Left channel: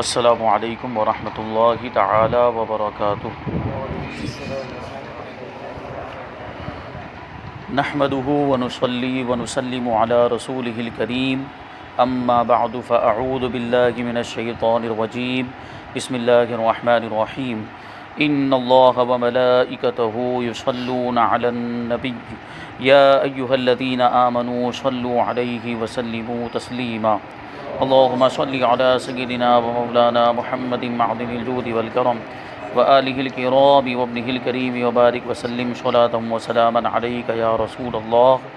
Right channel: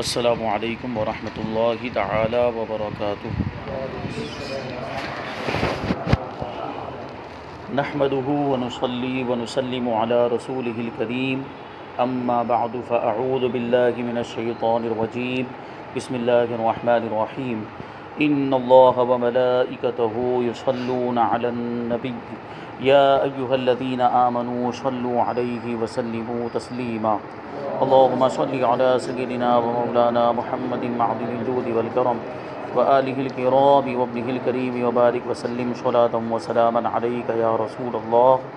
السلام علیکم ورحمۃ اللہ تعالی وبرکاتہ۔ نحمده ونصلي ونسلم على رسوله الكريم اما بعد فاعوذ بالله من الشيطان الرجيم بسم الله الرحمن الرحيم ان الله وملائكته يصلون على النبي يا ايها الذين امنوا صلوا عليه وسلموا تسليما اللهم صل على سيدنا ومولانا محمد معدن الجود والكرم وآلہ الکرام وابنہ الکریم وبارک وسلم صلاۃ وسلاما علیک یا رسول اللہ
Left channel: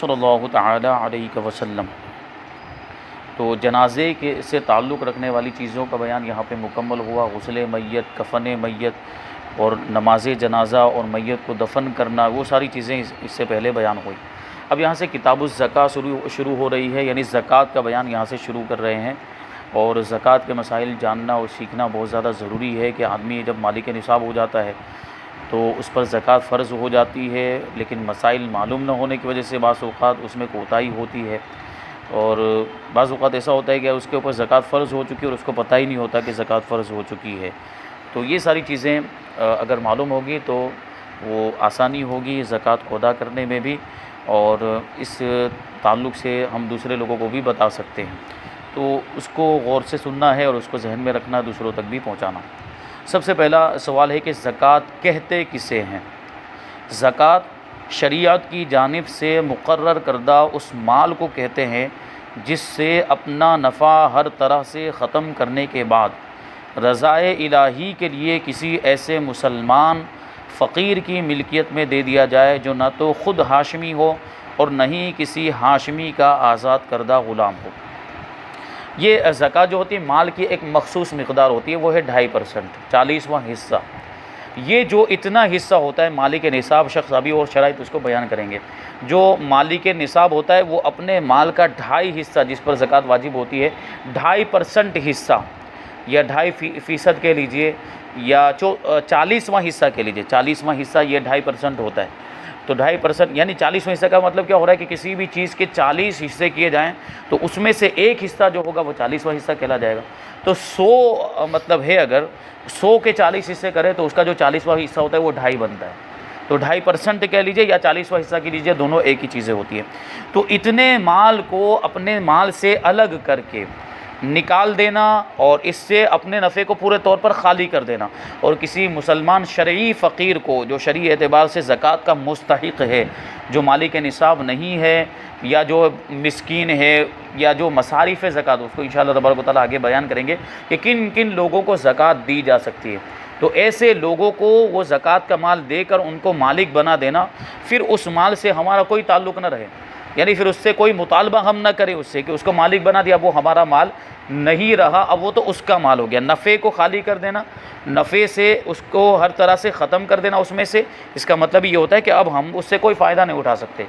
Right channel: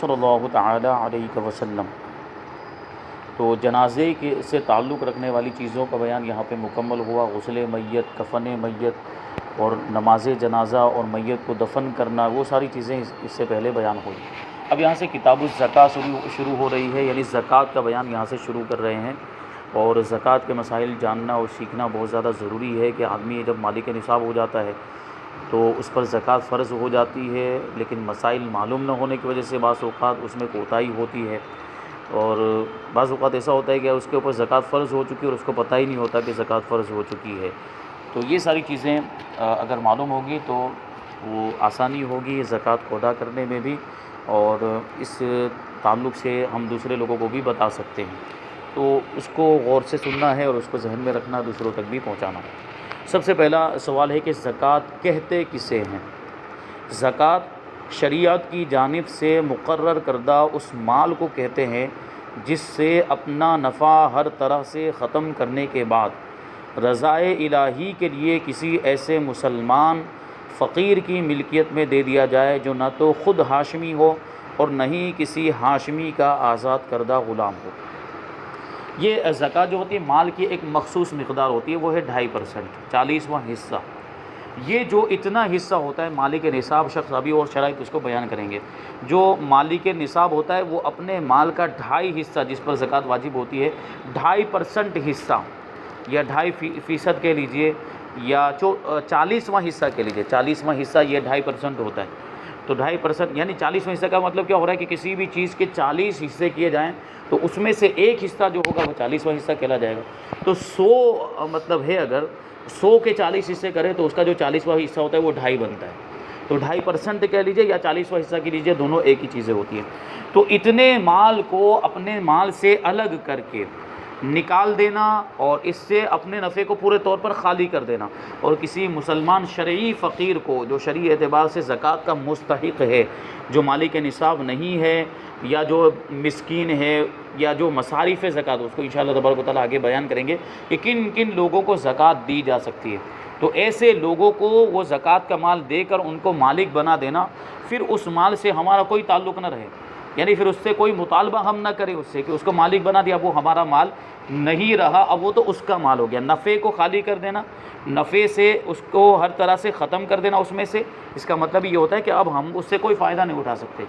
صلی اللہ تعالی علیہ وسلم۔ تو جنازے کے سے تعلق رکھنے والی چیزوں کا بیان یہاں پہ مکمل ہوا۔ غسل میت، کفن میت اور نماز جنازہ اور میت کو دفن کرنا، وہ ساری چیزیں اس سے پہلے بیان ہوئی۔ اب یہاں سے کتاب الزکوٰۃ شروع ہو رہی ہے، یعنی زکوٰۃ کا بیان یہاں سے شروع کر رہے ہیں۔ اور زکوٰۃ کے مسائل جاننا اور سیکھنا بہت زیادہ ضروری ہے کہ آدمی جب مالک نصاب ہو جاتا ہے تو اس پر زکوٰۃ فرض ہو جاتی ہے، لیکن مسائل معلوم نہ ہونے کی وجہ سے بعض اوقات اس میں کوتاہی ہوتی ہے، اور بعض اوقات ایسا ہوتا ہے کہ اس کے اوپر زکوٰۃ فرض ہو چکی ہے اور اس کو پتہ ہی نہیں ہوتا کہ زکوٰۃ فرض ہو چکی ہے۔ تو یہ ساری چیزیں اگر معلوم ہوگی تو وہ آسانی ہوگی زکوٰۃ کو ادا کرنے میں بھی، اور اس تعلق سے ہم دوسرے لوگوں کو بھی بتا سکتے ہیں۔ تو اس کو غور سے سننا ہے اور اس کو ذہن میں رکھنا، دوسروں تک بھی پہنچانا۔ سب سے پہلا سوال ہے کہ زکوٰۃ کہتے کسے ہیں؟ زکوٰۃ شریعت کی جانب سے مقرر کردہ اس مال کو کہتے ہیں جس سے اپنا نفع ہر طرح سے ختم کرنے کے بعد رضائے الہی کے لیے کسی ایسے مسلمان فقیر کی ملکیت میں دے دیا جائے جو نہ تو خود ہاشمی ہو اور نہ ہی کسی ہاشمی کا آزاد کردہ غلام ہو۔ یہ زکوٰۃ جو ہوتی ہے مال کی ایک مخصوص مقدار ہوتی ہے، وہ ہے 2.5%، 40واں حصہ۔ یہ جو اتنا حصہ ہوتا ہے مالک نصاب، شخص ابھی اور شرائط اس کو بیان کریں گے، جو مالک نصاب ہوتا ہے وہ اپنے مال کا 2.5 حصہ جس پر زکوٰۃ واجب ہوتی ہے، 2.5% حصہ یا 2.5% کہہ لیجئے، یا 40واں حصہ کہہ لیجئے، 40واں حصہ یہ 2.5% ہوتا ہے۔ تو 2.5% یعنی 40واں حصہ کا مطلب کیا ہو رہا ہے کہ کسی بھی چیز کے 40 حصے کیے جائیں تو اس میں سے ایک حصہ جو ہوگا وہ 40واں حصہ کہلا جائے گا۔ تو 100 مطلب ہے، اگر 100 کے 40 حصے کرے تو اس کا جو 40واں حصہ ہوتا ہے وہ 2.5 بنتا ہے۔ تو 2.5% کہہ لیجئے یا 40واں حصہ کہہ لیجئے، دونوں ایک ہی چیزیں ہوتی ہیں۔ تو اتنے مال کو اپنے مال سے الگ کر کے نکال دینا اور اس سے اپنے نفع کو پورے طور پر خالی کر دینا، اور کسی مسلمان شرعی فقیر کو جو شرعی اعتبار سے زکوٰۃ کا مستحق ہے، جو مالک نصاب نہیں ہے یا جو مسکین ہے یا جو مصارف زکوٰۃ، اس کو انشاءاللہ تبارک و تعالیٰ آگے بیان کریں گے کہ کن کن لوگوں کو زکوٰۃ دی جا سکتی ہے۔ تو ایسے لوگوں کو وہ زکوٰۃ کا مال دے کر ان کو مالک بنا دینا، پھر اس مال سے ہمارا کوئی تعلق نہ رہے، یعنی پھر اس سے کوئی مطالبہ ہم نہ کریں اس سے کہ اس کو مالک بنا دیا، وہ ہمارا مال نہیں رہا، اب وہ تو اس کا مال ہو گیا۔ نفع کو خالی کر دینا، نفع سے اس کو ہر طرح سے ختم کر دینا اس میں سے، اس کا مطلب یہ ہوتا ہے کہ اب ہم اس سے کوئی فائدہ نہیں اٹھا سکتے،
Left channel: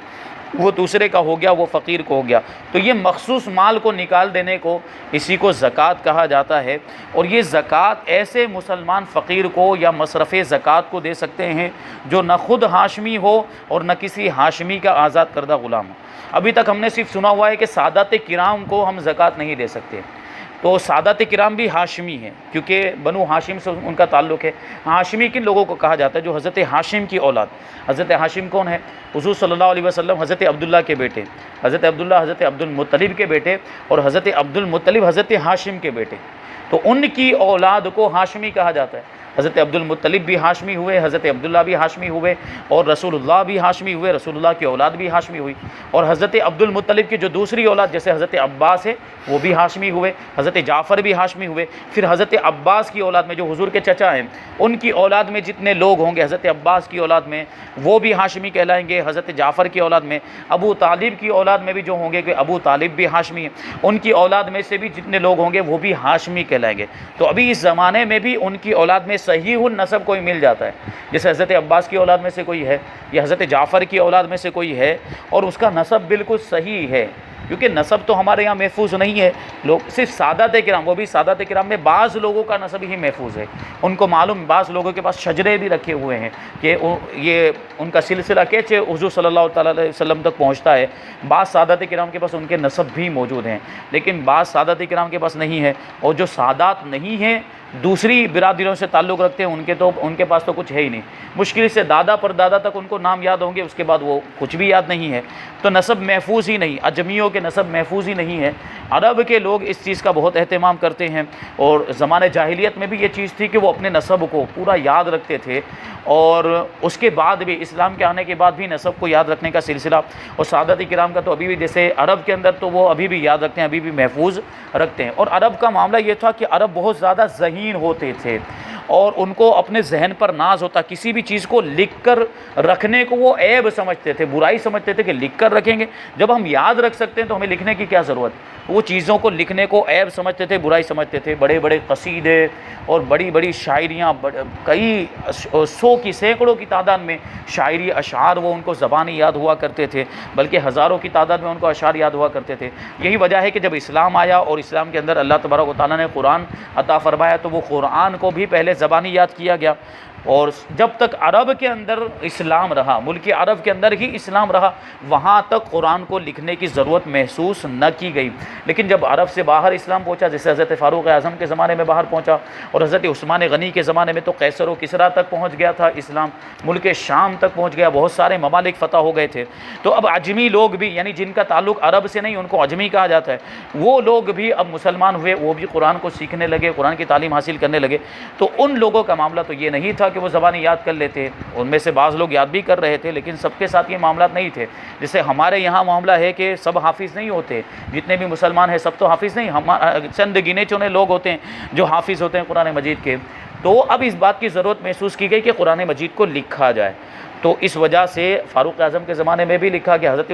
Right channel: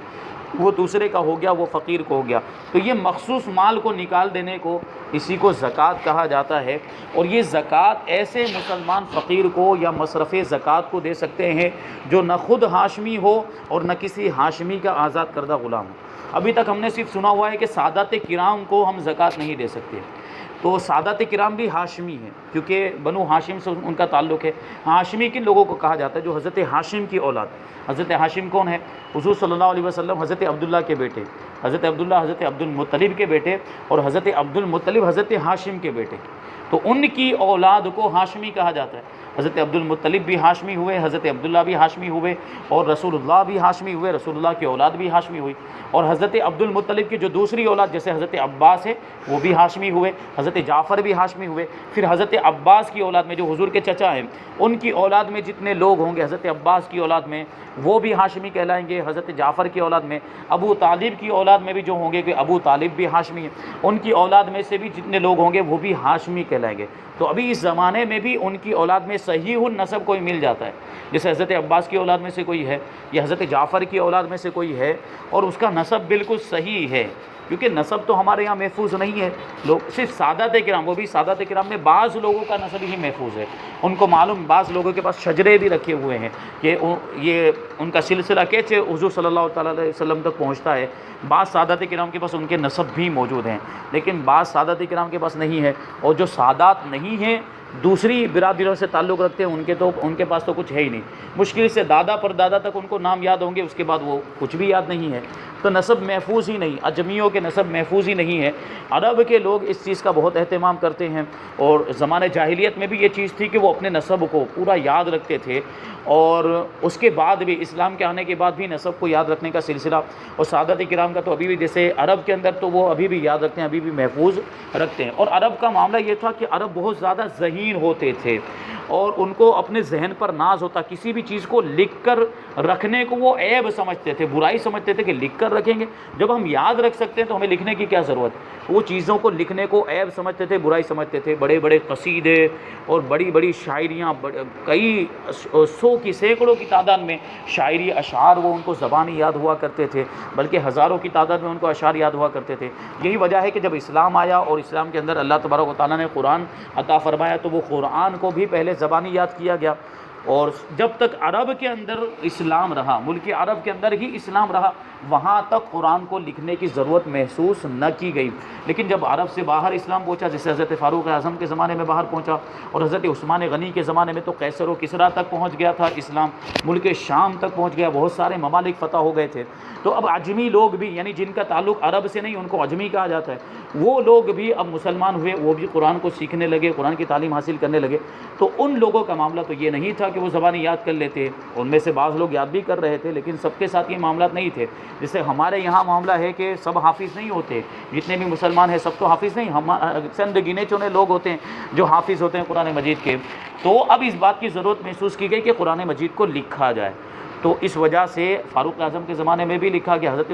وہ دوسرے کا ہو گیا، وہ فقیر کو ہو گیا۔ تو یہ مخصوص مال کو نکال دینے کو اسی کو زکوٰۃ کہا جاتا ہے، اور یہ زکوٰۃ ایسے مسلمان فقیر کو یا مصرف زکوٰۃ کو دے سکتے ہیں جو نہ خود ہاشمی ہو اور نہ کسی ہاشمی کا آزاد کردہ غلام ہو۔ ابھی تک ہم نے صرف سنا ہوا ہے کہ سادات کرام کو ہم زکوٰۃ نہیں دے سکتے، تو سادات کرام بھی ہاشمی ہیں کیونکہ بنو ہاشم سے ان کا تعلق ہے۔ ہاشمی کن لوگوں کو کہا جاتا ہے؟ جو حضرت ہاشم کی اولاد۔ حضرت ہاشم کون ہے؟ حضور صلی اللہ علیہ وسلم حضرت عبداللہ کے بیٹے، حضرت عبداللہ حضرت عبد المطلب کے بیٹے، اور حضرت عبد المطلب حضرت ہاشم کے بیٹے، تو ان کی اولاد کو ہاشمی کہا جاتا ہے۔ حضرت عبد المطلب بھی ہاشمی ہوئے، حضرت عبداللہ بھی ہاشمی ہوئے، اور رسول اللہ بھی ہاشمی ہوئے، رسول اللہ کی اولاد بھی ہاشمی ہوئی، اور حضرت عبد المطلب کی جو دوسری اولاد جیسے حضرت عباس ہے وہ بھی ہاشمی ہوئے، حضرت جعفر بھی ہاشمی ہوئے۔ پھر حضرت عباس کی اولاد میں جو حضور کے چچا ہیں ان کی اولاد میں جتنے لوگ ہوں گے حضرت عباس کی اولاد میں وہ بھی ہاشمی کہلائیں گے۔ حضرت جعفر کی اولاد میں، ابو طالب کی اولاد میں بھی جو ہوں گے کہ ابو طالب بھی ہاشمی ہیں، ان کی اولاد میں سے بھی جتنے لوگ ہوں گے وہ بھی ہاشمی کہلائیں گے۔ تو ابھی اس زمانے میں بھی ان کی اولاد میں صحیح النسب کوئی مل جاتا ہے، جیسے حضرت عباس کی اولاد میں سے کوئی ہے یا حضرت جعفر کی اولاد میں سے کوئی ہے اور اس کا نسب بالکل صحیح ہے، کیونکہ نسب تو ہمارے یہاں محفوظ نہیں ہے. لوگ صرف سادات کرام، وہ بھی سادات کرام میں بعض لوگوں کا نسب ہی محفوظ ہے. ان کو معلوم، بعض لوگوں کے پاس شجرے بھی رکھے ہوئے ہیں کہ یہ ان کا سلسلہ کیسے حضور صلی اللہ تعالیٰ علیہ وسلم تک پہنچتا ہے. بعض سادات کرام کے پاس ان کے نسب بھی موجود ہیں، لیکن بعض سادات کرام کے پاس نہیں ہے. اور جو سادات نہیں ہیں، دوسری برادریوں سے تعلق رکھتے ہیں، ان کے پاس تو کچھ ہے ہی نہیں. مشکل سے دادا پر دادا تک ان کو نام یاد ہوں گے، اس کے بعد وہ کچھ بھی یاد نہیں ہے. تو نسب محفوظ ہی نہیں، اجمیوں کے نسب محفوظ ہی نہیں ہے. عرب کے لوگ اس چیز کا بہت اہتمام کرتے ہیں، اور زمانہ جاہلیت میں بھی یہ چیز تھی کہ وہ اپنے نسب کو پورا یاد رکھتے تھے. اور اس کے بعد بھی، اسلام کے آنے کے بعد بھی نسب کو یاد رکھنے کا سلسلہ، اور سعادت کرام کا تو ابھی بھی، جیسے عرب کے اندر تو وہ ابھی بھی یاد رکھتے ہیں، ابھی بھی محفوظ رکھتے ہیں. اور عرب کا معاملہ یہ تھا کہ عرب بہت زیادہ ذہین ہوتے تھے، اور ان کو اپنے ذہن پر ناز ہوتا. کسی بھی چیز کو لکھ کر رکھنے کو وہ عیب سمجھتے تھے، برائی سمجھتے تھے کہ لکھ کر رکھیں گے، جب ہم یاد رکھ سکتے ہیں تو ہمیں لکھنے کی کیا ضرورت. وہ چیزوں کو لکھنے کو عیب سمجھتے تھے، برائی سمجھتے تھے. بڑے بڑے قصیدے اور بڑی بڑی شاعریاں، کئی سو کی، سینکڑوں کی تعداد میں شاعری اشعار وہ ان کو زبانی یاد ہوا کرتے تھے، بلکہ ہزاروں کی تعداد میں ان کو اشعار یاد ہوا کرتے تھے. یہی وجہ ہے کہ جب اسلام آیا اور اسلام کے اندر اللہ تبارک و تعالیٰ نے قرآن عطا فرمایا، تو وہ قرآن کو بھی پہلے زبانی یاد کیا گیا. اور جب تک عرب کے اندر اسلام رہا، ملک عرب کے اندر ہی اسلام رہا، وہاں تک قرآن کو لکھنے کی ضرورت محسوس نہ کی گئی. لیکن جب عرب سے باہر اسلام پہنچا، جیسے حضرت فاروق اعظم کے زمانے میں باہر پہنچا، اور حضرت عثمان غنی کے زمانے میں تو قیصر و کسریٰ تک پہنچ گیا تھا اسلام، ملک شام تک پہنچ گیا، بہت سارے ممالک فتح ہو گئے تھے. تو اب عجمی لوگ بھی، یعنی جن کا تعلق عرب سے نہیں، ان کو عجمی کہا جاتا ہے، وہ لوگ بھی اب مسلمان ہوئے، وہ بھی قرآن کو سیکھنے لگے، قرآن کی تعلیم حاصل کرنے لگے. تو ان لوگوں کا معاملہ تو یہ نہیں تھا کہ وہ زبانی یاد کر لیتے. ان میں سے بعض لوگ یاد بھی کر رہے تھے، لیکن سب کے ساتھ یہ معاملات نہیں تھے. جیسے ہمارے یہاں معاملہ ہے کہ سب حافظ نہیں ہوتے، جتنے بھی مسلمان ہیں سب تو حافظ نہیں، چند گنے چنے لوگ ہوتے ہیں جو حافظ ہوتے ہیں قرآن مجید کے. تو اب اس بات کی ضرورت محسوس کی گئی کہ قرآن مجید کو لکھا جائے. تو اس وجہ سے فاروق اعظم کے زمانے میں بھی لکھا گیا، حضرت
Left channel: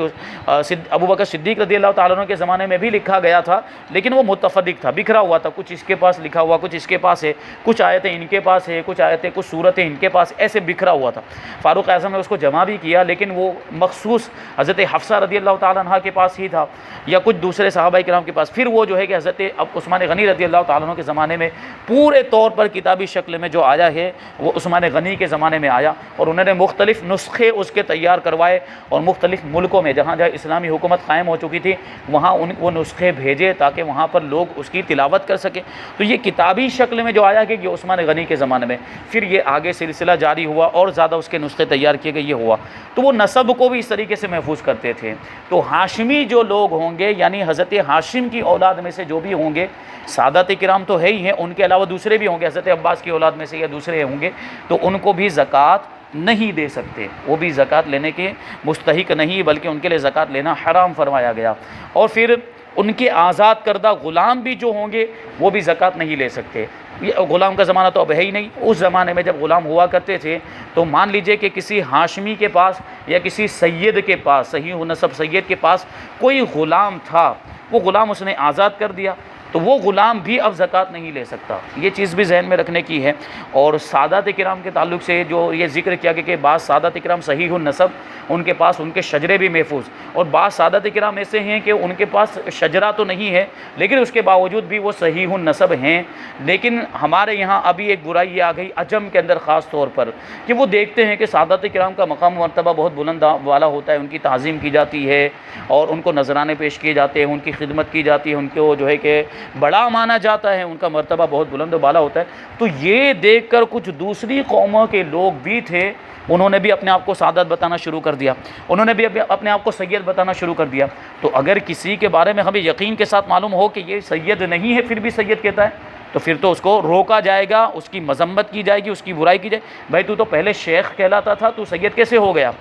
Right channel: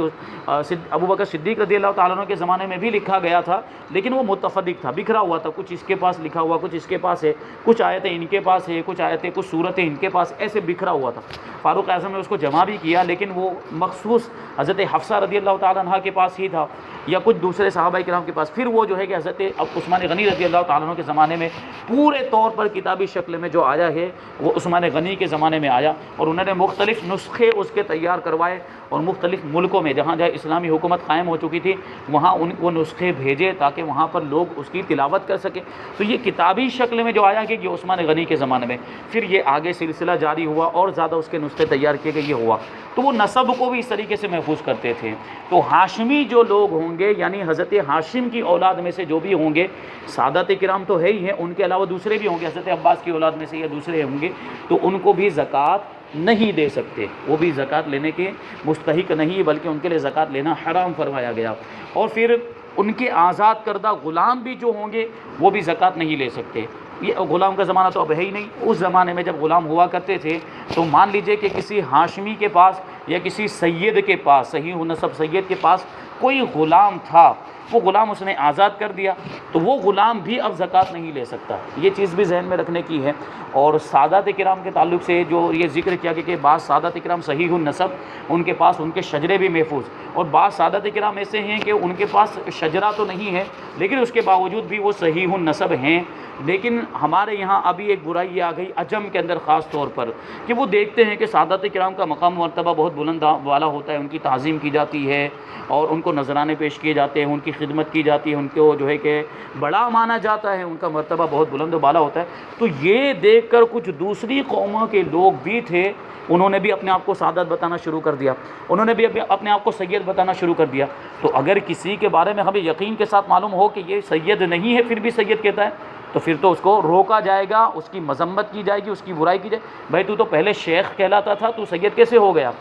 ابوبکر صدیق رضی اللہ تعالیٰ عنہ کے زمانے میں بھی لکھا گیا تھا، لیکن وہ متفرق تھا، بکھرا ہوا تھا. کچھ اس کے پاس لکھا ہوا، کچھ اس کے پاس ہے، کچھ آیتیں ان کے پاس ہے، کچھ آیتیں، کچھ صورتیں ان کے پاس، ایسے بکھرا ہوا تھا. فاروق اعظم نے اس کو جمع بھی کیا، لیکن وہ مخصوص حضرت حفصہ رضی اللہ تعالیٰ عنہ کے پاس ہی تھا، یا کچھ دوسرے صحابہ کرام کے پاس. پھر وہ جو ہے کہ حضرت عثمان غنی رضی اللہ تعالیٰ عنہ کے زمانے میں پورے طور پر کتابی شکل میں جو آیا ہے، وہ عثمان غنی کے زمانے میں آیا، اور انہوں نے مختلف نسخے اس کے تیار کروائے، اور مختلف ملکوں میں جہاں جہاں اسلامی حکومت قائم ہو چکی تھی وہاں وہ نسخے بھیجے تاکہ وہاں پر لوگ اس کی تلاوت کر سکیں. تو یہ کتابی شکل میں جو آیا کہ یہ عثمان غنی کے زمانے میں، پھر یہ آگے سلسلہ جاری ہوا اور زیادہ اس کے نسخے تیار کیے گئے، یہ ہوا. تو وہ نسب کو بھی اس طریقے سے محفوظ کرتے تھے. تو ہاشمی جو لوگ ہوں گے، یعنی حضرت ہاشم کی اولاد میں سے جو بھی ہوں گے، سادات کرام تو ہے ہی ہیں، ان کے علاوہ دوسرے بھی ہوں گے، حضرت عباس کی اولاد میں سے یا دوسرے ہوں گے، تو ان کو بھی زکوٰۃ نہیں دے سکتے. وہ بھی زکوٰۃ لینے کے مستحق نہیں، بلکہ ان کے لیے زکوٰۃ لینا حرام فرمایا گیا. اور پھر ان کے آزاد کردہ غلام بھی جو ہوں گے وہ بھی زکوٰۃ نہیں لے سکتے. یہ غلام کا زمانہ تو اب ہے ہی نہیں. اس زمانے میں جب غلام ہوا کرتے تھے تو مان لیجئے کہ کسی ہاشمی کے پاس یا کسی سید کے پاس، صحیح نسب سید کے پاس کوئی غلام تھا، وہ غلام اس نے آزاد کر دیا، تو وہ غلام بھی اب زکوٰۃ نہیں لے سکتا. یہ چیز بھی ذہن میں رکھنے کی ہے. اور سادات کرام کے تعلق سے جو یہ ذکر کیا کہ بعض سادات کرام صحیح النسب، ان کے پاس ان کے شجرے بھی محفوظ، اور بعض سادات کرام ایسے ہیں کہ ان کے پاس شجرہ تو نہیں ہے لیکن اس کے باوجود بھی وہ صحیح النسب ہیں. لیکن ہمارے یہاں ابھی ایک برائی یہ آ گئی عجم کے اندر خاص طور پر، کہ وہ دیکھتے ہیں کہ سادات کرام کا مقام و مرتبہ بہت بلند والا ہوتا ہے، ان کی تعظیم کی جاتی ہے اور ان کو نذرانے پیش کیے جاتے ہیں، ان کی خدمت کی جاتی ہے، ان کو جو ہے کہ بڑا مانا جاتا ہے، ان کا مرتبہ بہت بلند و بالا ہوتا ہے. تو یہ دیکھ کر کچھ دوسری قوموں کے لوگ بھی تھے، انہوں نے بھی اپنے آپ کو سعادت بتانا شروع کر دیا، انہوں نے بھی اپنے آپ کو سید بتانا شروع کر دیا. تو اگر کسی کے بارے میں ہمیں یقین کے ساتھ معلوم ہو کہ یہ سید نہیں ہے پھر بھی سید کہتا ہے، تو پھر تو اس کو روکا جائے گا، اس کی مذمت کی جائے گی، اس کی برائی کی جائے. بھائی تو پہلے شیخ کہلاتا تھا، تو سید کیسے ہو گیا؟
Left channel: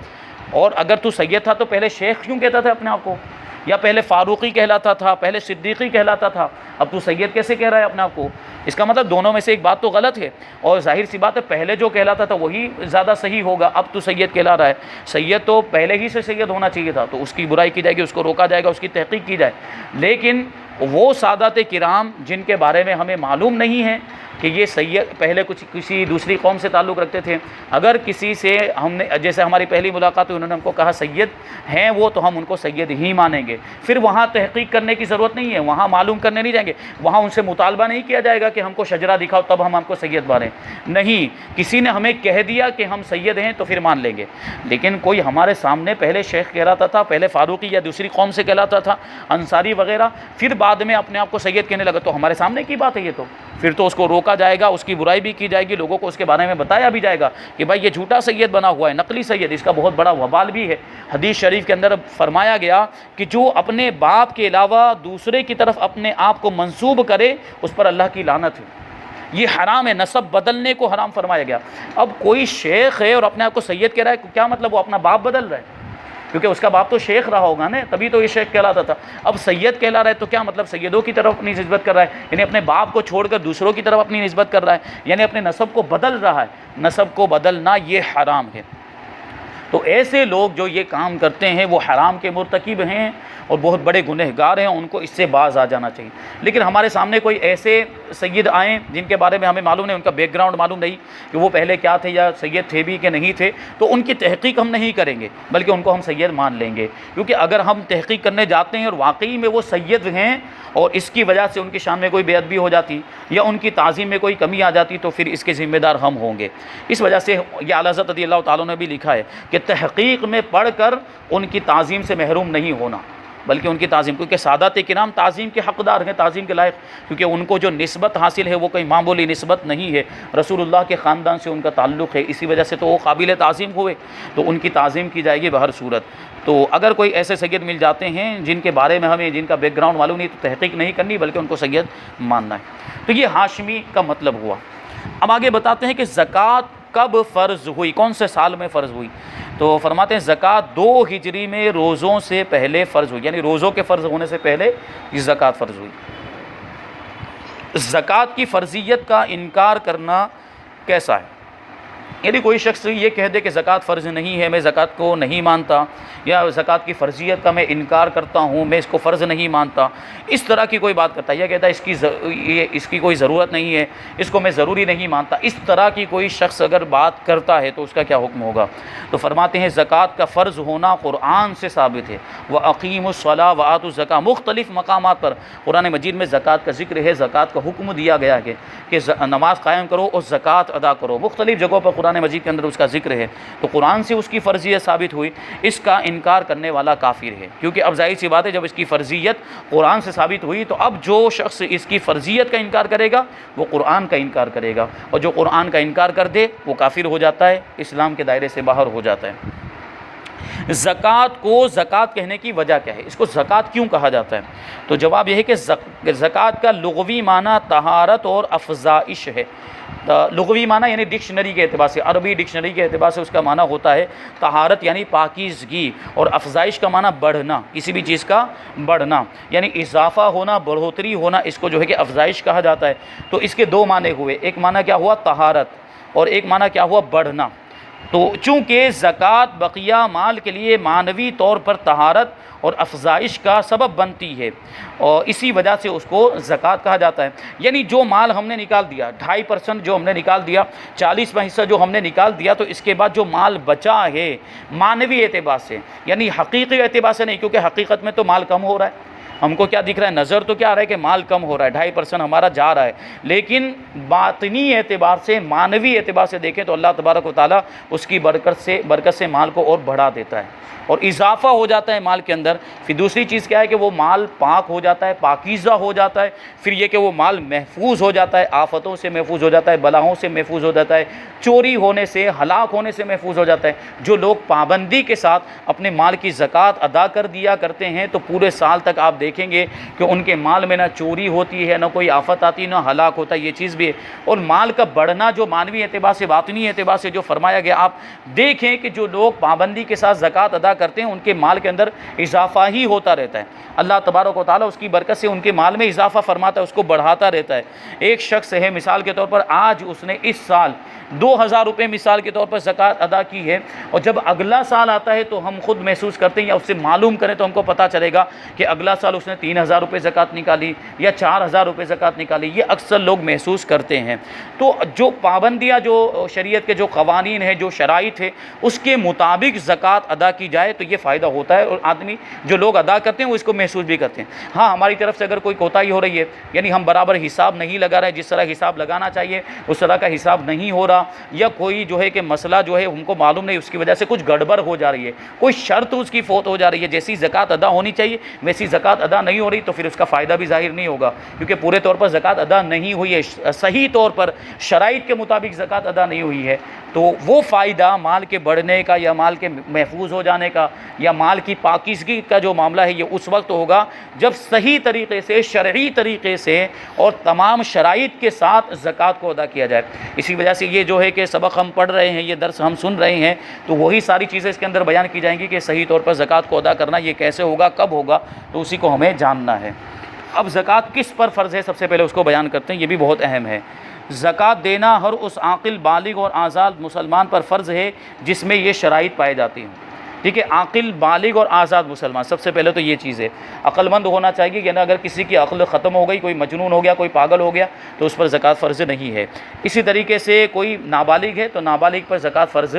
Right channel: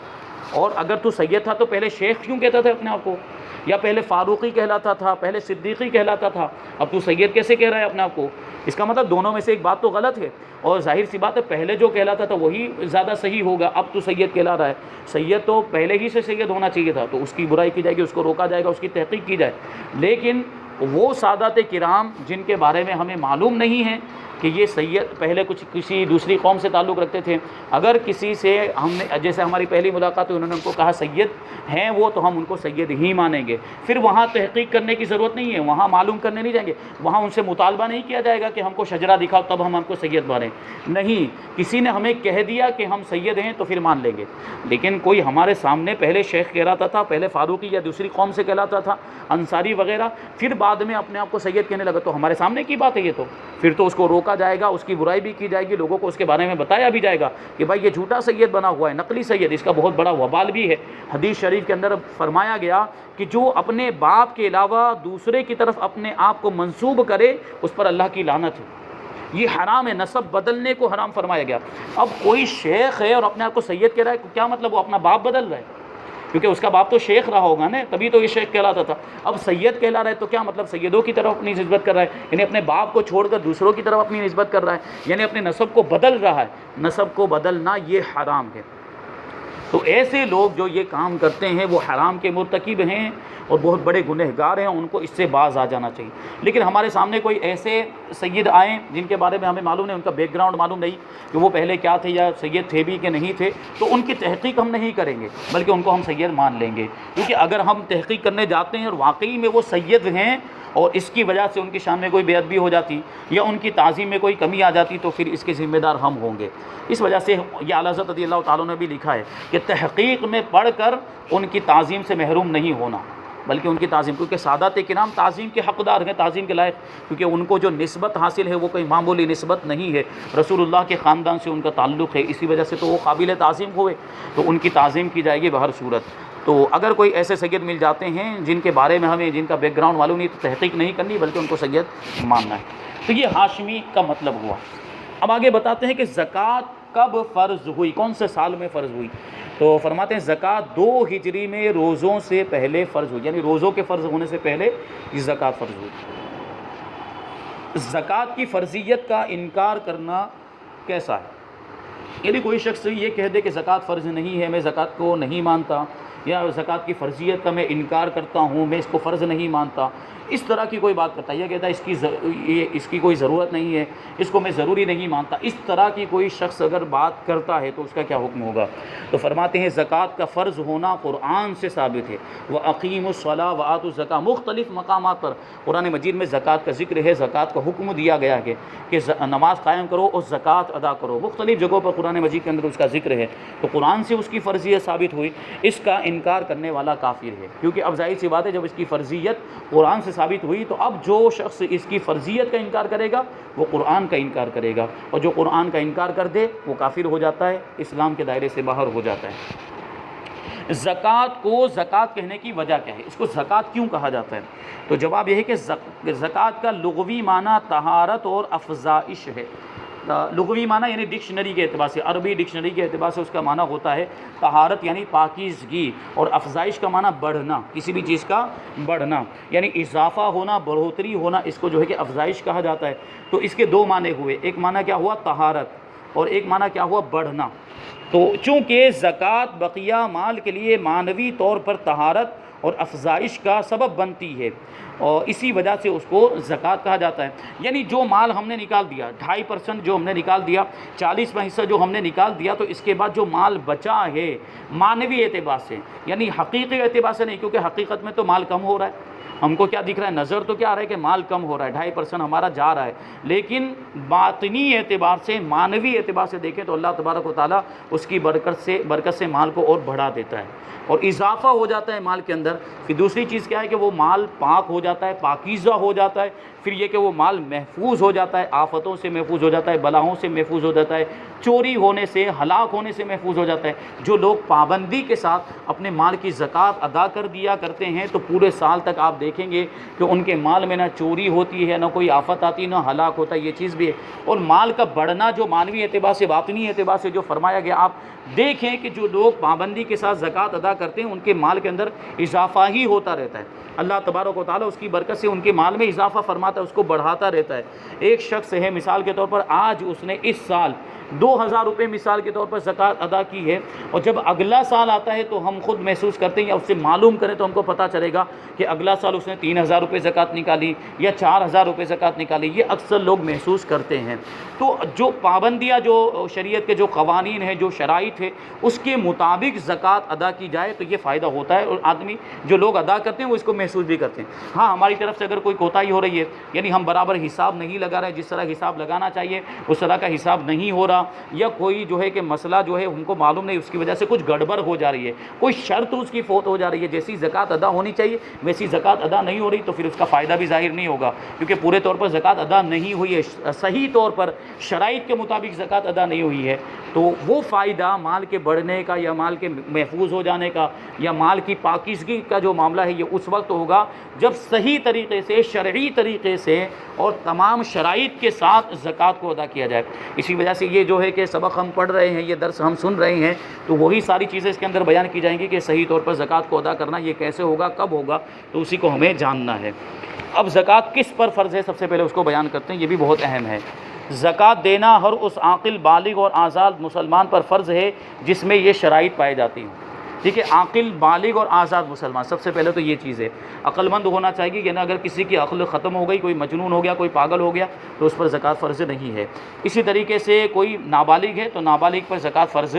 اور اگر تو سید تھا تو پہلے شیخ کیوں کہتا تھا اپنے آپ کو؟ یا پہلے فاروقی کہلاتا تھا، پہلے صدیقی کہلاتا تھا، اب تو سید کیسے کہہ رہا ہے اپنے آپ کو؟ اس کا مطلب دونوں میں سے ایک بات تو غلط ہے. اور ظاہر سی بات ہے پہلے جو کہلاتا تھا وہی زیادہ صحیح ہوگا. اب تو سید کہلا رہا ہے، سید تو پہلے ہی سے سید ہونا چاہیے تھا، تو اس کی برائی کی جائے گی، اس کو روکا جائے گا، اس کی تحقیق کی جائے. لیکن وہ سادات کرام جن کے بارے میں ہمیں معلوم نہیں ہے کہ یہ سید پہلے کچھ کسی دوسری قوم سے تعلق رکھتے تھے، اگر کسی سے ہم نے جیسے ہماری پہلی ملاقات ہوئی انہوں نے ہم کو کہا سید ہیں وہ، تو ہم ان کو سید ہی مانیں گے، پھر وہاں تحقیق کرنے کی ضرورت نہیں ہے، وہاں معلوم کرنے نہیں جائیں گے، وہاں ان سے مطالبہ نہیں کیا جائے گا کہ ہم کو شجرہ دکھاؤ تب ہم کو سید مانیں، نہیں، کسی نے ہمیں کہہ دیا کہ ہم سید ہیں تو پھر مان لیں گے۔ لیکن کوئی ہمارے سامنے پہلے شیخ کہلاتا تھا، پہلے فاروقی یا دوسری قوم سے کہلاتا تھا، انصاری وغیرہ، پھر بعد میں اپنے آپ کو سید کہنے لگا، تو ہمارے سامنے کی بات ہے یہ، تو پھر تو اس کو روکا جائے گا، اس کی برائی بھی کی جائے گی، لوگوں کو اس کے بارے میں بتایا بھی جائے گا کہ بھائی یہ جھوٹا سید بنا ہوا ہے، نقلی سید، اس کا بہت بڑا وبال بھی ہے۔ حدیث شریف کے اندر فرمایا گیا کہ جو اپنے باپ کے علاوہ دوسرے کی طرف اپنے آپ کو منسوب کرے اس پر اللہ کی لعنت ہے، یہ حرام ہے، نسب بدلنے کو حرام فرمایا گیا۔ اب کوئی شیخ ہے اور اپنے آپ کو سید کہہ رہا ہے، کیا مطلب وہ اپنا باپ بدل رہا ہے؟ کیونکہ اس کا باپ تو شیخ رہا ہوگا نا، تبھی تو یہ شیخ کہلاتا تھا۔ اب سید کہلا رہا ہے تو کیا مطلب سیدوں کی طرف اپنی نسبت کر رہا ہے، یعنی اپنے باپ کو چھوڑ کر دوسروں کی طرف اپنی نسبت کر رہا ہے، یعنی اپنے نسب کو بدل رہا ہے۔ نسب کو بدلنا یہ حرام ہے۔ تو ایسے لوگ جو یہ کام کرتے ہیں وہ حرام کے مرتکب ہیں اور بہت بڑے گنہگار ہیں، ان کو اس سے باز آ جانا چاہیے۔ لیکن ہمارے سامنے کوئی ایسے سید آئیں جن کے بارے میں ہمیں معلوم نہیں، ان کا بیک گراؤنڈ معلوم نہیں کہ وہ پہلے کیا تھے یا سید تھے بھی کہ نہیں تھے، تو ان کی تحقیق ہم نہیں کریں گے بلکہ ان کو ہم سید مان لیں گے، کیونکہ اگر ہم تحقیق کرنے جاتے ہیں اور واقعی میں وہ سید ہیں اور اس کی وجہ سے ان کی شان میں کوئی بے ادبی ہو جاتی یا ان کی تعظیم میں کوئی کمی آ جاتی تو پھر اس کے ذمہ دار ہم ہوں گے۔ اس وجہ سے یہ اعلیٰ حضرت رضی اللہ تعالیٰ نے بھی لکھا ہے کہ تحقیق میں پڑھ کر ان کی تعظیم سے محروم نہیں ہونا، بلکہ ان کی تعظیم، کیونکہ سادات کرام تعظیم کے حقدار ہیں، تعظیم کے لائق، کیونکہ ان کو جو نسبت حاصل ہے وہ کوئی معمولی نسبت نہیں ہے، رسول اللہ کے خاندان سے ان کا تعلق ہے، اسی وجہ سے تو وہ قابل تعظیم ہوئے، تو ان کی تعظیم کی جائے گی بہر صورت۔ تو اگر کوئی ایسے سید مل جاتے ہیں جن کے بارے میں ہمیں جن کا بیک گراؤنڈ معلوم نہیں، تو تحقیق نہیں کرنی بلکہ ان کو سید ماننا ہے۔ تو یہ ہاشمی کا مطلب ہوا۔ اب آگے بتاتے ہیں کہ زکوٰۃ کب فرض ہوئی، کون سے سال میں فرض ہوئی؟ تو فرماتے ہیں زکوٰۃ 2 ہجری میں روزوں سے پہلے فرض ہوئی، یعنی روزوں کے فرض ہونے سے پہلے یہ زکوٰۃ فرض ہوئی۔ زکوٰۃ کی فرضیت کا انکار کرنا کیسا ہے؟ یعنی کوئی شخص یہ کہہ دے کہ زکوٰۃ فرض نہیں ہے، میں زکوٰۃ کو نہیں مانتا، یا زکوٰۃ کی فرضیت کا میں انکار کرتا ہوں، میں اس کو فرض نہیں مانتا، اس طرح کی کوئی بات کرتا ہے، یا کہتا ہے اس کی کوئی ضرورت نہیں ہے، اس کو میں ضروری نہیں مانتا، اس طرح کی کوئی شخص اگر بات کرتا ہے تو اس کا کیا حکم ہوگا؟ تو فرماتے ہیں زکوٰۃ کا فرض ہونا قرآن سے ثابت ہے۔ وَأَقِيمُوا الصَّلَاةَ وَآتُوا الزَّكَاةَ، مختلف مقامات پر قرآن مجید میں زکوٰۃ کا ذکر ہے، زکوٰۃ کا حکم دیا گیا ہے کہ نماز قائم کرو اور زکوٰۃ ادا کرو، مختلف جگہوں پر قرآن مجید کے اندر اس کا ذکر ہے۔ تو قرآن سے اس کی فرضیت ثابت ہوئی، اس کا انکار کرنے والا کافر ہے، کیونکہ اب ظاہر سی بات ہے جب اس کی فرضیت قرآن سے ثابت ہوئی تو اب جو شخص اس کی فرضیت کا انکار کرے گا وہ قرآن کا انکار کرے گا، اور جو قرآن کا انکار کر دے وہ کافر ہو جاتا ہے، اسلام کے دائرے سے باہر ہو جاتا ہے۔ زکوٰۃ کو زکوٰۃ کہنے کی وجہ کیا ہے؟ اس کو زکوٰۃ کیوں کہا جاتا ہے؟ تو جواب یہ ہے کہ زکوٰۃ کا لغوی معنی طہارت اور افزائش ہے۔ لغوی معنی یعنی ڈکشنری کے اعتبار سے، عربی ڈکشنری کے اعتبار سے اس کا معنی ہوتا ہے طہارت یعنی پاکیزگی، اور افزائش کا معنی بڑھنا، کسی بھی چیز کا بڑھنا، یعنی اضافہ ہونا، بڑھوتری ہونا، اس کو جو ہے کہ افزائش کہا جاتا ہے۔ تو اس کے 2 معنی ہوئے، ایک معنی کیا ہوا؟ طہارت، اور ایک معنی کیا ہوا؟ بڑھنا۔ تو چونکہ زکوٰۃ بقیہ مال کے لیے معنوی طور پر طہارت اور افزائش کا سبب بنتی ہے، اور اسی وجہ سے اس کو زکوٰۃ کہا جاتا ہے۔ یعنی جو مال ہم نے نکال دیا، 2.5% جو ہم نے نکال دیا، 40واں حصہ جو ہم نے نکال دیا، تو اس کے بعد جو مال بچا ہے معنوی اعتبار سے، یعنی حقیقی اعتبار سے نہیں، کیونکہ حقیقت میں تو مال کم ہو رہا ہے، ہم کو کیا دکھ رہا ہے؟ نظر تو کیا آ رہا ہے کہ مال کم ہو رہا ہے، 2.5% ہمارا جا رہا ہے، لیکن باطنی اعتبار سے، معنوی اعتبار سے دیکھیں تو اللہ تبارک و تعالیٰ اس کی برکت سے مال کو اور بڑھا دیتا ہے اور اضافہ ہو جاتا ہے مال کے اندر۔ پھر دوسری چیز کیا ہے کہ وہ مال پاک ہو جاتا ہے، پاکیزہ ہو جاتا ہے، پھر یہ کہ وہ مال محفوظ ہو جاتا ہے، آفتوں سے محفوظ ہو جاتا ہے، بلاؤں سے محفوظ ہو جاتا ہے، چوری ہونے سے، ہلاک ہونے سے محفوظ ہو جاتا ہے۔ جو لوگ پابندی کے ساتھ اپنے مال کی زکوٰۃ ادا کر دیا کرتے ہیں تو پورے سال تک آپ دیکھیں گے کہ ان کے مال میں نہ چوری ہوتی ہے، نہ کوئی آفت آتی، نہ ہلاک ہوتا ہے، یہ چیز بھی ہے۔ اور مال کا بڑھنا جو معنوی اعتبار سے، باطنی اعتبار سے جو فرمایا گیا، آپ دیکھیں کہ جو لوگ پابندی کے ساتھ زکوٰۃ ادا کرتے ہیں ان کے مال کے اندر اضافہ ہی ہوتا رہتا ہے، اللہ تبارک و تعالیٰ اس کی برکت سے ان کے مال میں اضافہ فرماتا ہے، اس کو بڑھاتا رہتا ہے۔ ایک شخص ہے مثال کے طور پر، آج اس نے اس سال 2000 روپے مثال کے طور پر زکوٰۃ ادا کی ہے، اور جب اگلا سال آتا ہے تو ہم خود محسوس کرتے ہیں یا اس سے معلوم کریں تو ہم کو پتہ چلے گا کہ اگلا سال اس نے 3,000 روپے زکوٰۃ نکالی یا 4,000 روپے زکوٰۃ نکالی، یہ اکثر لوگ محسوس کرتے ہیں۔ تو جو پابندیاں، جو شریعت کے جو قوانین ہیں، جو شرائط ہے، اس کے مطابق زکوٰۃ ادا کی جائے تو یہ فائدہ ہوتا ہے، اور آدمی جو لوگ ادا کرتے ہیں وہ اس کو محسوس بھی کرتے ہیں۔ ہاں، ہماری طرف سے اگر کوئی کوتاہی ہو رہی ہے، یعنی ہم برابر حساب نہیں لگا رہے، جس طرح حساب لگانا چاہیے اس طرح کا حساب نہیں ہو رہا، یا کوئی جو ہے کہ مسئلہ جو ہے ہم کو معلوم نہیں، اس کی وجہ سے کچھ گڑبڑ ہو جا رہی ہے، کوئی شرط اس کی فوت ہو جا رہی ہے، جیسی زکوٰۃ ادا ہونی چاہیے ویسی زکوٰۃ ادا نہیں ہو رہی، تو پھر اس کا فائدہ بھی ظاہر نہیں ہوگا، کیونکہ پورے طور پر زکوٰۃ ادا نہیں ہوئی ہے، صحیح طور پر شرائط کے مطابق زکوٰۃ ادا نہیں ہوئی ہے، تو وہ فائدہ مال کے بڑھنے کا یا مال کے محفوظ ہو جانے کا یا مال کی پاکیزگی کا جو معاملہ ہے، یہ اس وقت ہوگا جب صحیح طریقے سے، شرعی طریقے سے اور تمام شرائط کے ساتھ زکوٰۃ کو ادا کیا جائے۔ اسی وجہ سے یہ جو ہے کہ سبق ہم پڑھ رہے ہیں، یہ درس ہم سن رہے ہیں، تو وہی ساری چیزیں اس کے اندر بیان کی جائیں گی کہ صحیح طور پر زکوٰۃ کو ادا کرنا یہ کیسے ہوگا، کب ہوگا، تو اسی کو ہمیں جاننا ہے۔ اب زکوٰۃ کس پر فرض ہے، سب سے پہلے اس کو بیان کرتے ہیں، یہ بھی بہت اہم ہے۔ زکوٰۃ دینا ہر اس عاقل، بالغ اور آزاد مسلمان پر فرض ہے جس میں یہ شرائط پائی جاتی ہیں۔ ٹھیک ہے، عاقل، بالغ اور آزاد مسلمان، سب سے پہلے تو یہ چیز ہے، عقل مند ہونا چاہیے کہ نا، اگر کسی کی عقل ختم ہو گئی، کوئی مجنون ہو گیا، کوئی پاگل ہو گیا، تو اس پر زکوٰۃ فرض نہیں ہے۔ اسی طریقے سے کوئی نابالغ ہے تو نابالغ پر زکوٰۃ فرض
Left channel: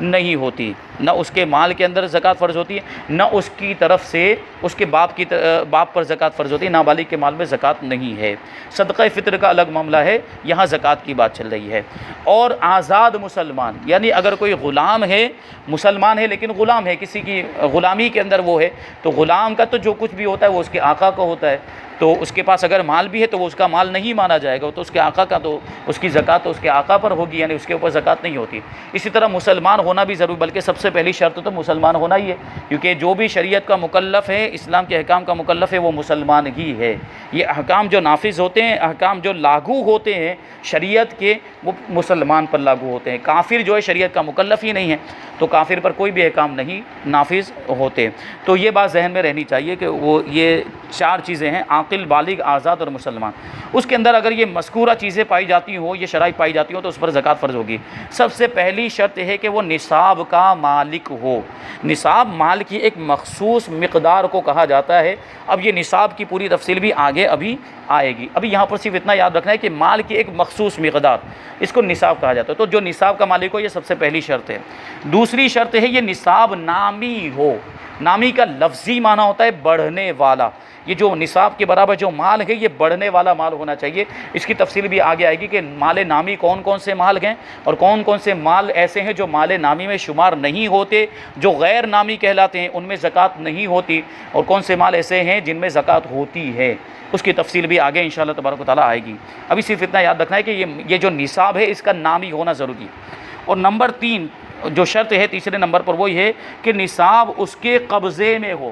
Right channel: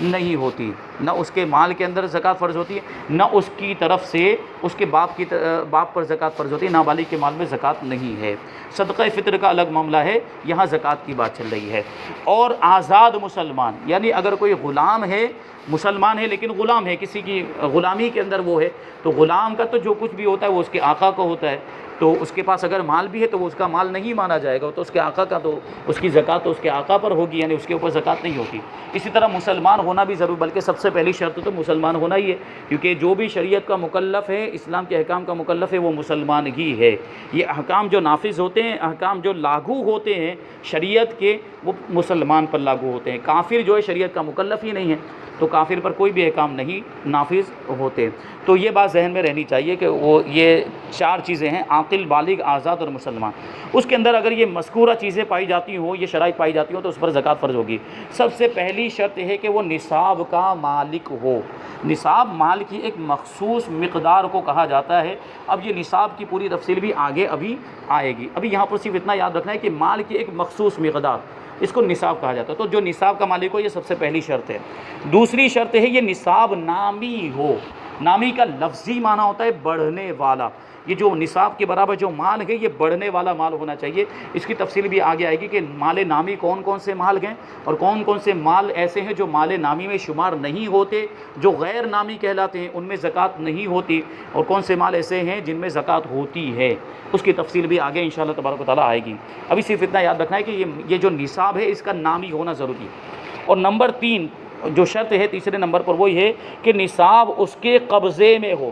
نہیں ہوتی، نہ اس کے مال کے اندر زکوٰۃ فرض ہوتی ہے، نہ اس کی طرف سے اس کے باپ پر زکوٰۃ فرض ہوتی ہے، نابالغ کے مال میں زکوٰۃ نہیں ہے۔ صدقہ فطر کا الگ معاملہ ہے، یہاں زکوٰۃ کی بات چل رہی ہے۔ اور آزاد مسلمان، یعنی اگر کوئی غلام ہے، مسلمان ہے لیکن غلام ہے، کسی کی غلامی کے اندر وہ ہے، تو غلام کا تو جو کچھ بھی ہوتا ہے وہ اس کے آقا کو ہوتا ہے، تو اس کے پاس اگر مال بھی ہے تو وہ اس کا مال نہیں مانا جائے گا، تو اس کے آقا کا، تو اس کی زکوٰۃ تو اس کے آقا پر ہوگی، یعنی اس کے اوپر زکوٰۃ نہیں ہوتی۔ اسی طرح مسلمان ہونا بھی ضروری، بلکہ سب سے پہلی شرط تو مسلمان ہونا ہی ہے، کیونکہ جو بھی شریعت کا مکلف ہے، اسلام کے احکام کا مکلف ہے، وہ مسلمان ہی ہے۔ یہ احکام جو نافذ ہوتے ہیں، احکام جو لاگو ہوتے ہیں شریعت کے، وہ مسلمان پر لاگو ہوتے ہیں۔ کافر جو ہے شریعت کا مکلف ہی نہیں ہے، تو کافر پر کوئی بھی احکام نہیں نافذ ہوتے۔ تو یہ بات ذہن میں رہنی چاہیے کہ وہ یہ 4 چیزیں ہیں، عاقل، بالغ، آزاد اور مسلمان۔ اس کے اندر اگر یہ مذکورہ چیزیں پائی جاتی ہوں، یہ شرائط پائی جاتی ہوں، تو اس پر زکوٰۃ فرض ہوگی۔ سب سے پہلی شرط ہے کہ وہ نصاب کا مالک ہو۔ نصاب مال کی ایک مخصوص مقدار کو کہا جاتا ہے۔ اب یہ نصاب کی پوری تفصیل بھی آگے ابھی آئے گی، ابھی یہاں پر صرف اتنا یاد رکھنا ہے کہ مال کی ایک مخصوص مقدار، اس کو نصاب کہا جاتا ہے۔ تو جو نصاب کا مالک ہو، یہ سب سے پہلی شرط ہے۔ دوسری شرط ہے یہ نصاب نامی ہو۔ نامی کا لفظی معنی ہوتا ہے بڑھنے والا۔ یہ جو نصاب کے برابر جو مال ہے، یہ بڑھنے والا مال ہونا چاہیے۔ اس کی تفصیل بھی آگے آئے گی کہ مال نامی کون کون سے مال ہیں، اور کون کون سے مال ایسے ہیں جو مال نامی میں شمار نہیں ہوتے، جو غیر نامی کہلاتے ہیں، ان میں زکوٰۃ نہیں ہوتی، اور کون سے مال ایسے ہیں جن میں زکوٰۃ ہوتی ہے۔ اس کی تفصیل بھی آگے انشاءاللہ تبارک و تعالیٰ آئے گی۔ ابھی صرف اتنا یاد رکھنا ہے کہ یہ جو نصاب ہے، اس کا نامی ہونا ضروری ہے۔ اور نمبر 3 جو شرط ہے، تیسرے نمبر پر، وہ یہ ہے کہ نصاب اس کے قبضے میں ہو۔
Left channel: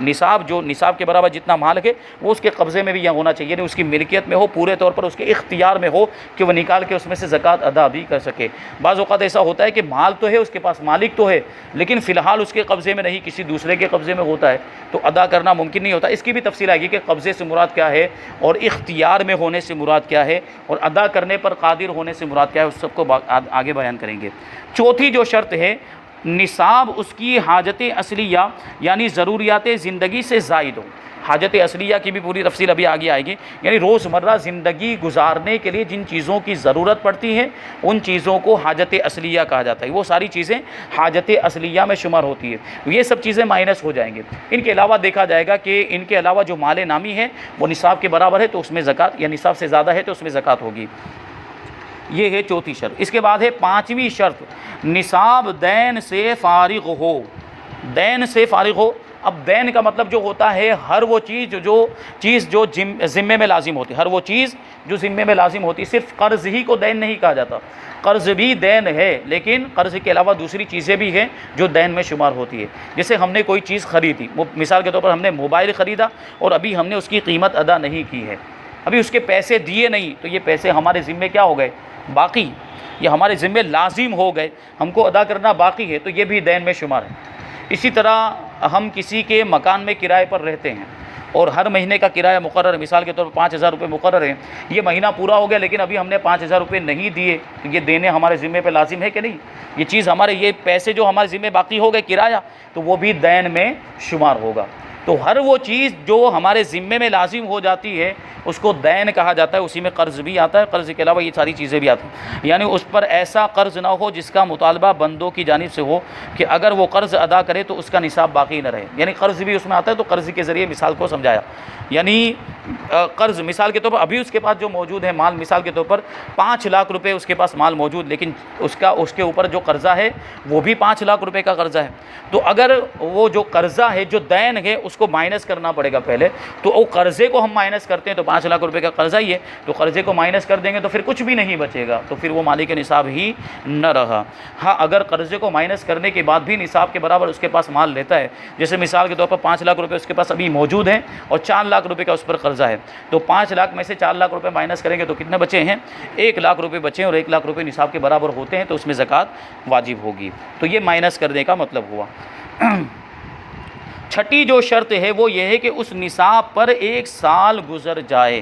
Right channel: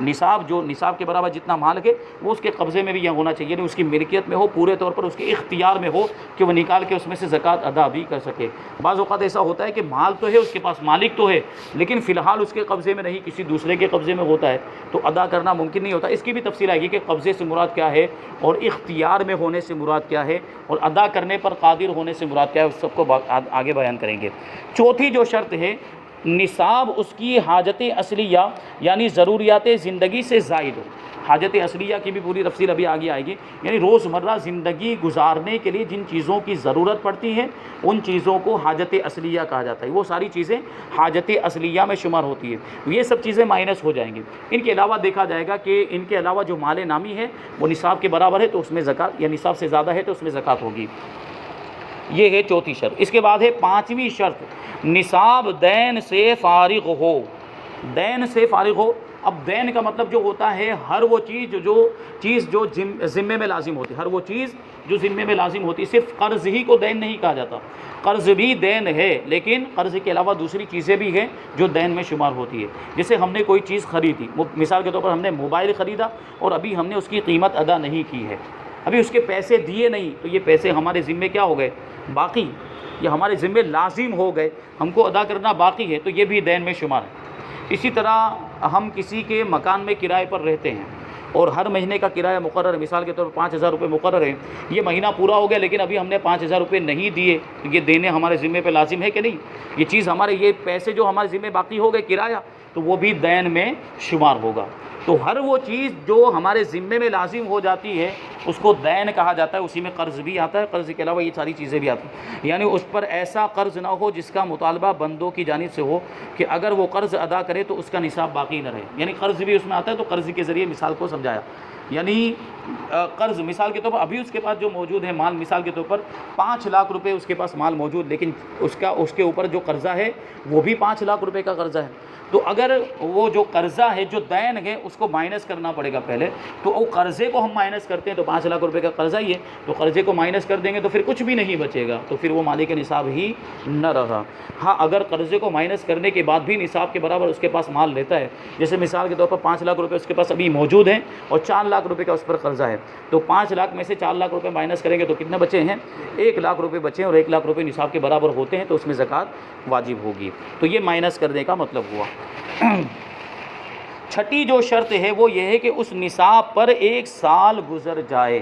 نصاب، جو نصاب کے برابر جتنا مال ہے، وہ اس کے قبضے میں بھی یہ ہونا چاہیے، اس کی ملکیت میں ہو، پورے طور پر اس کے اختیار میں ہو کہ وہ نکال کے اس میں سے زکوٰۃ ادا بھی کر سکے۔ بعض اوقات ایسا ہوتا ہے کہ مال تو ہے، اس کے پاس مالک تو ہے، لیکن فی الحال اس کے قبضے میں نہیں، کسی دوسرے کے قبضے میں ہوتا ہے، تو ادا کرنا ممکن نہیں ہوتا۔ اس کی بھی تفصیل آئے گی کہ قبضے سے مراد کیا ہے، اور اختیار میں ہونے سے مراد کیا ہے، اور ادا کرنے پر قادر ہونے سے مراد کیا ہے، اس سب کو آگے بیان کریں گے۔ چوتھی جو شرط ہے، نصاب اس کی حاجت اصلیہ یعنی ضروریات زندگی سے زائد ہو۔ حاجت اصلیہ کی بھی پوری تفصیل ابھی آگے آئے گی، یعنی روزمرہ زندگی گزارنے کے لیے جن چیزوں کی ضرورت پڑتی ہے، ان چیزوں کو حاجت اصلیہ کہا جاتا ہے۔ وہ ساری چیزیں حاجت اصلیہ میں شمار ہوتی ہے، یہ سب چیزیں مائنس ہو جائیں گے۔ ان کے علاوہ دیکھا جائے گا کہ ان کے علاوہ جو مال نامی ہے وہ نصاب کے برابر ہے، تو اس میں زکوٰۃ، یا نصاب سے زیادہ ہے تو اس میں زکوٰۃ ہوگی۔ یہ ہے چوتھی شرط۔ اس کے بعد ہے 5ویں شرط، نصاب دین سے فارغ ہو۔ دین سے فارغ ہو، اب دین کا مطلب جو ہوتا ہے ہر وہ چیز جو ذمے میں لازم ہوتی ہے، ہر وہ چیز جو ذمے میں لازم ہوتی ہے۔ صرف قرض ہی کو دین نہیں کہا جاتا، قرض بھی دین ہے، لیکن قرض کے علاوہ دوسری چیزیں بھی ہیں جو دین میں شمار ہوتی ہے۔ جیسے ہم نے کوئی چیز خریدی، مثال کے طور پر ہم نے موبائل خریدا اور ابھی ہم نے اس کی قیمت ادا نہیں کی ہے، ابھی اس کے پیسے دیے نہیں، تو یہ پیسے ہمارے ذمے کیا ہو گئے؟ باقی، یہ ہمارے ذمے لازم ہو گئے، ہم کو ادا کرنا باقی ہے، تو یہ بھی دین میں شمار ہے۔ اسی طرح ہم کسی کے مکان میں کرائے پر رہتے ہیں اور ہر مہینے کا کرایہ مقرر ہے، مثال کے طور پر 5,000 روپے مقرر ہے، یہ مہینہ پورا ہو گیا لیکن ابھی ہم نے 5,000 روپے نہیں دیے، تو یہ دینے ہمارے ذمے پہ لازم ہے کہ نہیں؟ یہ چیز ہمارے، یہ پیسے جو ہمارے ذمے باقی ہو گئے کرایہ، تو وہ بھی دین میں شمار ہوگا۔ تو ہر وہ چیز جو ہمارے ذمے میں لازم ہو جاتی ہے اس کو دین کہا جاتا ہے، اسی میں قرض بھی آتا ہے، قرض کے علاوہ یہ ساری چیزیں بھی آتی ہیں، یعنی اس پر ایسا قرض نہ ہو جس کا مطالبہ بندوں کی جانب سے ہو کہ اگر وہ قرض ادا کرے تو اس کا نصاب باقی نہ رہے، یعنی قرض بھی اس میں آتا ہے۔ تو قرض کے ذریعے مثال کو سمجھایا، یعنی قرض مثال کے طور پر ابھی اس کے پاس جو موجود ہے مال، مثال کے طور پر 5 لاکھ روپے اس کے پاس مال موجود، لیکن اس کے اوپر جو قرضہ ہے وہ بھی 5 لاکھ روپے کا قرضہ ہے۔ تو اگر وہ جو قرضہ ہے، جو دین ہے، اس کو مائنس کرنا پڑے گا پہلے، تو وہ قرضے کو ہم مائنس کرتے ہیں تو 5 لاکھ روپے کا قرضہ ہی ہے، تو قرضے کو مائنس کر دیں گے تو پھر کچھ بھی نہیں بچے گا، تو پھر وہ مالک نصاب ہی نہ رہا۔ ہاں اگر قرضے کو مائنس کرنے کے بعد بھی نصاب کے برابر اس کے پاس مال لیتا ہے، جیسے مثال کے طور پر 5 لاکھ روپے اس کے پاس ابھی موجود ہیں اور 4 لاکھ روپے کا اس پر قرضہ ہے، تو 5 لاکھ میں سے 4 لاکھ روپے مائنس کریں گے تو کتنے بچے ہیں؟ 1 لاکھ روپے بچے ہیں، اور 1 لاکھ روپے نصاب کے برابر ہوتے ہیں تو اس میں زکوٰۃ واجب ہوگی۔ تو یہ مائنس کرنے کا مطلب ہوا۔ چھٹی جو شرط ہے وہ یہ ہے کہ اس نصاب پر 1 سال گزر جائے،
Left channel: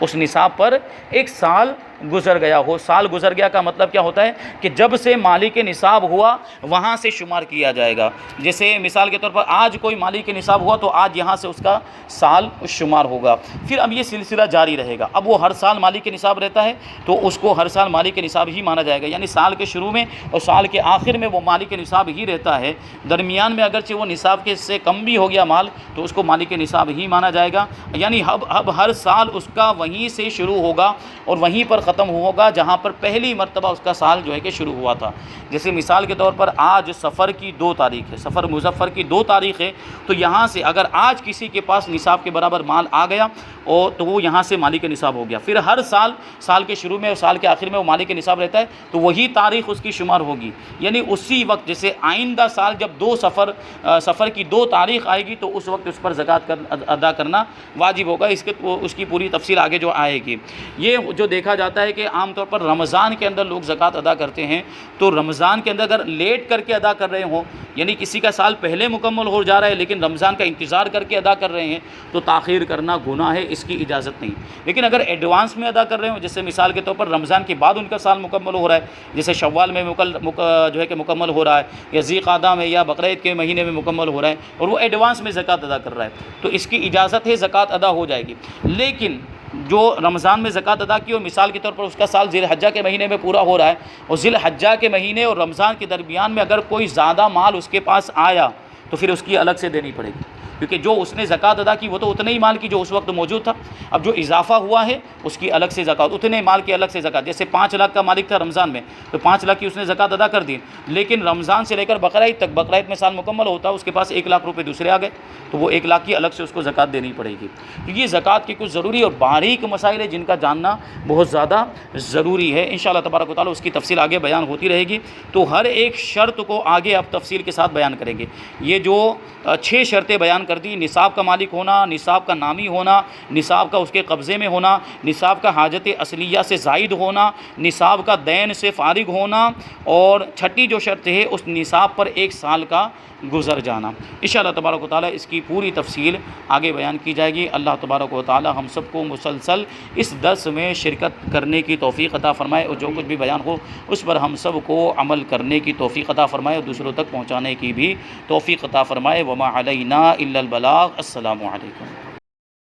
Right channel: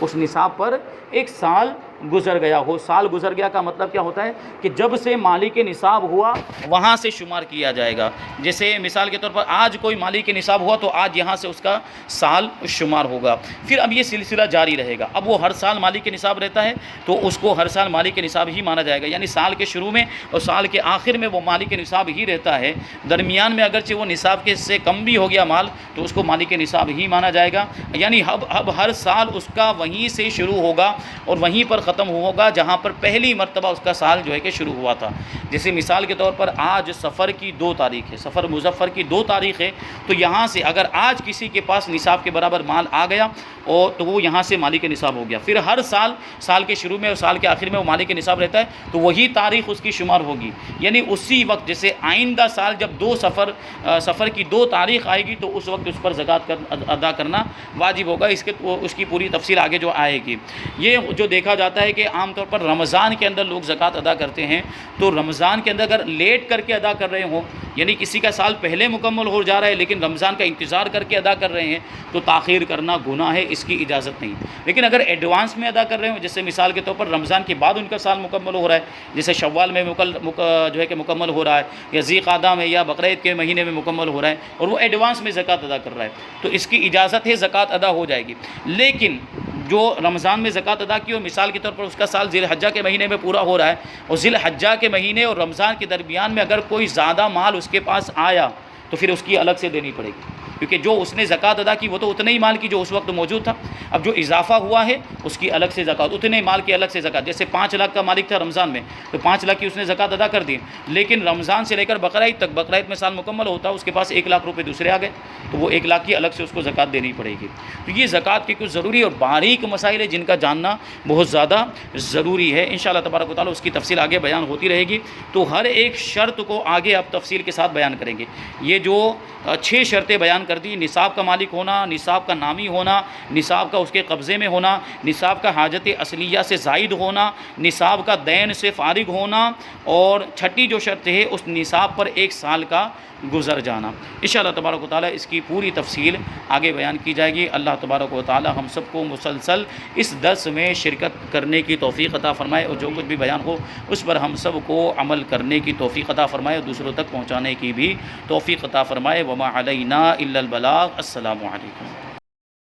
اس نصاب پر 1 سال گزر گیا ہو۔ سال گزر گیا کا مطلب کیا ہوتا ہے کہ جب سے مالک نصاب ہوا وہاں سے شمار کیا جائے گا۔ جیسے مثال کے طور پر آج کوئی مالک نصاب ہوا تو آج یہاں سے اس کا سال شمار ہوگا، پھر اب یہ سلسلہ جاری رہے گا۔ اب وہ ہر سال مالک نصاب رہتا ہے تو اس کو ہر سال مالک نصاب ہی مانا جائے گا، یعنی سال کے شروع میں اور سال کے آخر میں وہ مالک نصاب ہی رہتا ہے۔ درمیان میں اگرچہ وہ نصاب کے سے کم بھی ہو گیا مال تو اس کو مالک نصاب ہی مانا جائے گا، یعنی اب ہر سال اس کا وہیں سے شروع ہوگا اور وہیں پر ختم ہوگا جہاں پر پہلی مرتبہ اس کا سال جو ہے کہ شروع ہوا تھا۔ جیسے مثال کے طور پر آج سفر کی 2 تاریخ ہے، سفر مظفر کی 2 تاریخ ہے، تو یہاں سے اگر آج کسی کے پاس نصاب کے برابر مال آ گیا اور تو وہ یہاں سے مالک نصاب ہو گیا۔ پھر ہر سال کے شروع میں اور سال کے آخر میں وہ مالک نصاب رہتا ہے تو وہی تاریخ اس کی شمار ہوگی، یعنی اسی وقت جیسے آئندہ سال جب سفر کی 2 تاریخ آئے گی تو اس وقت اس پر زکوٰۃ ادا کرنا واجب ہوگا۔ اس کی پوری تفصیل آگے جو آئے گی۔ یہ جو دیکھا جاتا ہے کہ عام طور پر رمضان کے اندر لوگ زکوٰۃ ادا کرتے ہیں، تو رمضان کے اندر اگر لیٹ کر کے ادا کر رہے ہوں، یعنی کسی کا سال پہلے مکمل ہو جا رہا ہے لیکن رمضان کا انتظار کر کے ادا کر رہے ہیں تو تاخیر کرنا گناہ ہے، اس کی اجازت نہیں۔ لیکن اگر ایڈوانس میں ادا کر رہے ہوں، جیسے مثال کے طور پر رمضان کے بعد ان کا سال مکمل ہو رہا ہے، جیسے شوال میں جو ہے کہ مکمل ہو رہا ہے، یا ذی قعدہ میں یا بقرعید کے مہینے میں مکمل ہو رہا ہے اور وہ ایڈوانس میں زکوٰۃ ادا کر رہا ہے تو اس کی اجازت ہے، زکوٰۃ ادا ہو جائے گی۔ لیکن جو رمضان میں زکوٰۃ ادا کی اور مثال کے طور پر اس کا سال ذی الحجہ کے مہینے میں پورا ہو رہا ہے اور ذی الحجہ کے مہینے اور رمضان کے درمیان میں اگر کوئی زیادہ مال اس کے پاس آیا تو پھر اس کی الگ سے دینی پڑے گی، کیونکہ جو اس نے زکوٰۃ ادا کی وہ تو اتنے ہی مال کی جو اس وقت موجود تھا، اب جو اضافہ ہوا ہے اس کی الگ سے زکوٰۃ، اتنے مال کی الگ سے زکوٰۃ۔ جیسے 5 لاکھ کا مالک تھا رمضان میں تو 5 لاکھ کی اس نے زکوٰۃ ادا کر دی، لیکن رمضان سے لے کر بقرعید تک، بقرعید میں سال مکمل ہوتا اس کے پاس 1 لاکھ روپے دوسرے آ گئے تو وہ 1 لاکھ کی الگ سے اس کو زکوٰۃ دینی پڑے گی۔ تو یہ زکوٰۃ کے کچھ ضروری اور باریک مسائل ہیں جن کا جاننا بہت زیادہ ضروری ہے۔ انشاءاللہ تبارک و تعالیٰ اس کی تفصیل آگے بیان ہوتی رہے گی، تو ہر ایک شرط کو آگے آپ تفصیل کے ساتھ بیان کریں گے۔ یہ جو 6 شرطیں بیان کر دی، نصاب کا مالک ہونا، نصاب کا نامی ہونا، نصاب کا اس کے قبضے میں ہونا، نصاب کا حاجت اصلیہ سے زائد ہونا، نصاب کا دین سے فارغ ہونا، اور چھٹی جو شرط ہے اس نصاب پر 1 سال کا گزر جانا۔ انشاءاللہ تبارک و تعالیٰ اس کی پوری تفصیل آگے بیان کی جائے گی۔ اللہ تبارک و تعالیٰ ہم سب کو مسلسل اس درس میں شرکت کرنے کی توفیق عطا فرمائے اور جو کچھ بھی بیان ہو اس پر ہم سب کو عمل کرنے کی توفیق عطا فرمائے اور دوسروں تک پہنچانے کی بھی توفیق عطا فرمائے۔ وما علینا الا البلاغ۔ السلام علیکم۔